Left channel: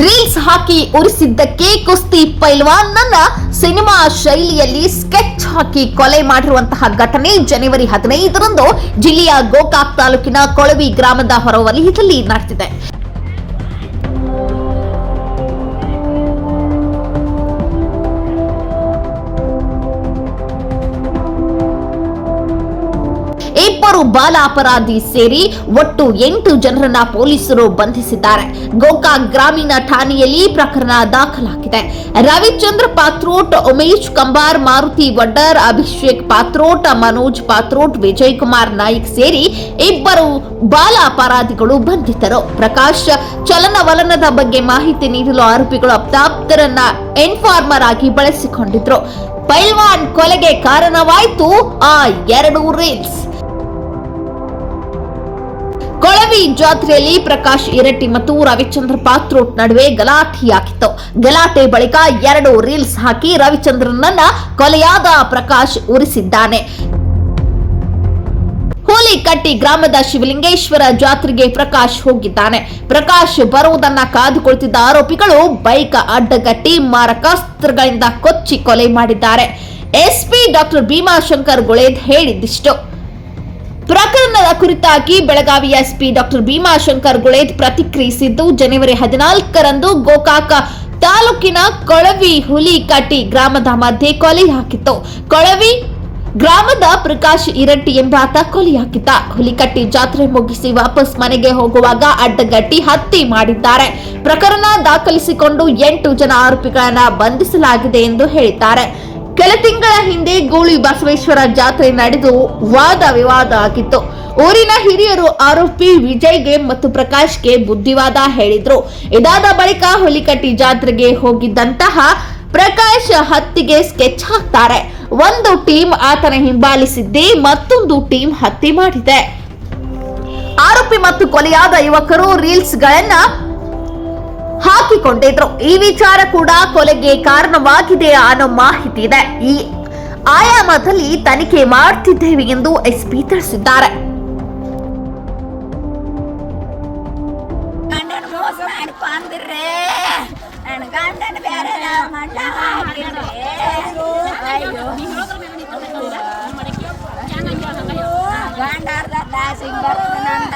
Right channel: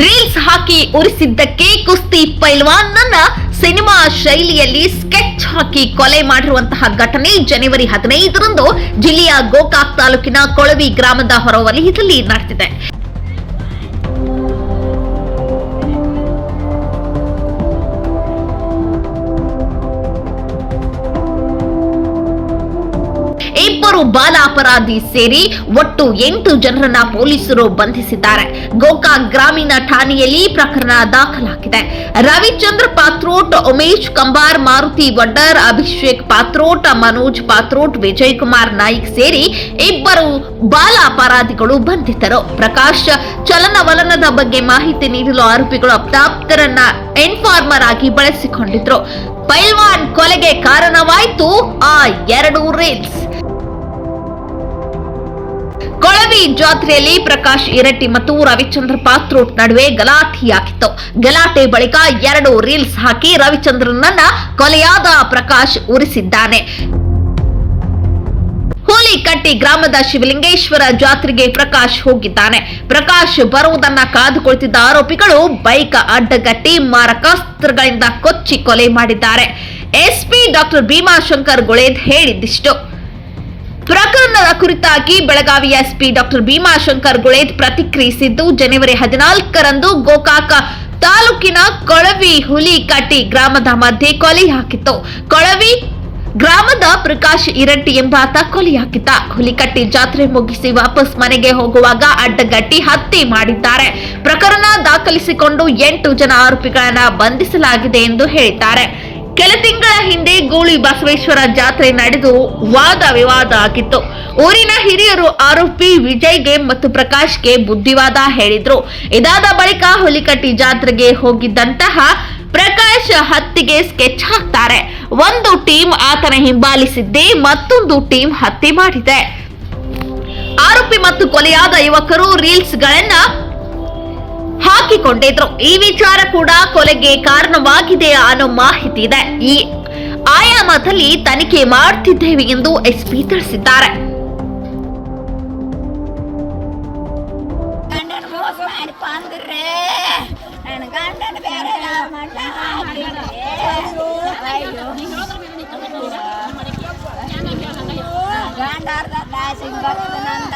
Reels ಹಾಕಿ ಉರಿಸಿದ್ದಕ್ಕೆ ಕುಸ್ತಿ ಪೈಲ್ವಾನ್ನನ್ನ cinema ಶೈಲಿಯಲ್ಲಿ sketch ಹಾಕಿ ಕೊಲೆ ಮಾಡಿರುವಂತಹ ಘಟನೆ ಜನವರಿ ಹದಿನೈದರಂದು ಜಿಲ್ಲೆಯ ಗೋಕಾಕ್ ತಾಲೂಕಿನ ಕೊಳವಿ ಗ್ರಾಮದ ಹೊರವಲಯದಲ್ಲಿ ನಡೆದಿದೆ. ಇಬ್ಬರು ಬಾಲ ಅಪರಾಧಿ ಸೇರಿ ಒಟ್ಟು ಎಂಟು ಜನರನ್ನ ಪೊಲೀಸರು ಬಂಧಿಸಿದ್ದಾರೆ. ಗೋಕಾಕ್ ಗ್ರಾಮೀಣ ಠಾಣೆಯಲ್ಲಿ ಪ್ರಕರಣ ದಾಖಲಾಗಿದೆ. ರವಿಚಂದ್ರ ಪಾತ್ರೋಟ್, ಉಮೇಶ್ ಕಂಬಾರ್, ಮಾರುತಿ ವಡ್ಡರ್, ಅಭಿಷೇಕ್ ಪಾತ್ರೋಟ್, ಮನೋಜ್ ಪಾತ್ರೋಟ್, ವಿಜಯ್ ಕುಮಾರ್ ನಾಯ್ಕ್ ಸೇರಿ ಇಬ್ಬರು ಬಾಲ ಅಪರಾಧಿಗಳು ಬಂಧಿತರು. ಪ್ರಕಾಶ್ ಚಲನವಲನದ ಬಗ್ಗೆ ಮಾಹಿತಿ ನೀಡಲು ಆರೋಪಿಗಳು ಅಪ್ತಾಪ್ತರನ್ನ ಎನ್ಫಾರ್ಮರ್ ಆಗಿ ಬಳಸಿಕೊಂಡಿದ್ರು. ಪೈಲ್ವಾನ್ ಕೊಲೆಗೆ ಕಾರಣವಾಯಿತು. ಆ ಎರಡು ರೀಲ್ಸ್. ಕೊಳವಿ ಜಾತ್ರೆಯಲ್ಲಿ ಪ್ರಕಾಶ್ ಇರಟ್ಟಿ ಮತ್ತು ರವಿಚಂದ್ರ ಪಾತ್ರೋಟ್ ನಡುವೆ ಗಲಾಟೆಯಾಗಿತ್ತು. ಗಲಾಟೆ ಬಳಿಕ ಎರಡು ರೀಲ್ಸ್ ಹಾಕಿ ರವಿಚಂದ್ರನನ್ನ ಕೊಲೆಯಾದ ಪ್ರಕಾಶ್ ಉರಿಸಿದ್ದಾನೆ. ಹುಲಿಕಟ್ಟಿ ಗ್ರಾಮದ ಶಿವಲಿಂಗೇಶ್ವರ ಜಾತ್ರೆಗೆ ಪ್ರಕಾಶ್ ಹೋಗಿದ್ದಾನೆ. ಪ್ರಕಾಶ್ ಬರುವುದನ್ನ ಕಾದುಕೊಳ್ತಿದ್ದ ಆರೋಪಿಗಳು ಬೈಕ್ ಅಡ್ಡಗಟ್ಟಿ ಮಾರಕಾಸ್ತ್ರಗಳಿಂದ ಕೊಚ್ಚಿ ಕೊಲೆ ಮಾಡಿದ್ದಾರೆ. ಎಸ್ಪಿ ಡಾಕ್ಟರ್ ಭೀಮಾಶಂಕರ್ ಗುಳೇದ್ ಹೇಳಿದ್ದಿಷ್ಟು. ಪ್ರಕರಣದ ಕುರಿತಾಗಿ ಬೆಳಗಾವಿ ಎಸ್ಪಿ ಡಾಕ್ಟರ್ ಭೀಮಾಶಂಕರ್ ಗುಳೇದ್ ಪ್ರತಿಕ್ರಿಯಿಸಿದ್ದು, ಜನವರಿ ಹದಿನಾಲ್ಕರಂದು ಗೋಕಾಕ ತಾಲೂಕಿನ ಕೊಳವಿ ಹುಲಿಕಟ್ಟಿ ಗ್ರಾಮದ ಮಧ್ಯೆ ಕೊಲೆ ಹಾಕಿತ್ತು. ಕೊಳವಿ ಗ್ರಾಮದ ಪ್ರಕಾಶ್ ಇರಟ್ಟಿ ಎಂಬಾತ ಕೊಲೆಯಾಗಿದ್ದ ಹುಲಿಕಟ್ಟಿ ಜಾತ್ರೆ ಮುಗಿಸಿ ವಾಪಸ್ ಮನೆಗೆ ಹೋಗುವಾಗ ಅಡ್ಡಗಟ್ಟಿ ಹತ್ಯೆ ಮಾಡಿದ್ದಾರೆ. ಪ್ರಕರಣ ದಾಖಲಿಸಿಕೊಂಡು ಎಂಟು ಜನ ಆರೋಪಿಗಳನ್ನ ಬಂಧಿಸಲಾಗಿದೆ ಎಂದು ಹೇಳಿದ್ದಾರೆ. ಕೆಲ ತಿಂಗಳ ಹಿಂದೆ ಗೋಳಿ ಬಸವೇಶ್ವರ ಜಾತ್ರೆ ನಡೆದು ವಾದ ವಿವಾದ ಆಗಿತ್ತು. ಊರಿನ ಹಿರಿಯರು ಆರೋಪಿ ವಿಜಯ್ಗೆ ಮತ್ತು ಪ್ರಕಾಶ್ಗೆ ಬುದ್ಧಿವಾದ ಹೇಳಿದ್ರು. ಇದಾದ ಬಳಿಕ ಹುಲಿಕಟ್ಟಿ ಜಾತ್ರೆಗೆ ಹೋಗಿದ್ದಂತಹ ಪ್ರಕಾಶ್ ಹತ್ತಿಗೆ ಸ್ಕೆಚ್ ಹಾಕ್ತಾರೆ. ಒಂದು ಟೀಮ್ ಆತನ ಹಿಂಬಾಲಿಸಿದ್ದೆ ಮತ್ತೊಂದು ಟೀಮ್ ಹತ್ಯೆ ಮಾಡಿದೆ. ಆರೋಪಿ ಮತ್ತು ಕೊಲೆಯಾದ ಯುವಕರು ರೀಲ್ಸ್ ಗಳನ್ನ ಹಾಕಿಕೊಂಡಿದ್ರು ಈ ವಿಚಾರ ಕೂಡ ಕೊಲೆಗೆ ಕಾರಣವಾಗಿದೆ ಅನ್ನೋ ಮಾಹಿತಿ ಇದೆ. ಈ ಆಯಾಮದಲ್ಲಿ ತನಿಖೆ ಮಾಡ್ತಿದ್ದೇವೆ ಎಂದು ಎಸ್ಪಿ ತಿಳಿಸಿದ್ದಾರೆ. ಗಂಡಾರ್ದ ದಾಸಿಗೆ ಬರ್ತದೆ ನಂದ.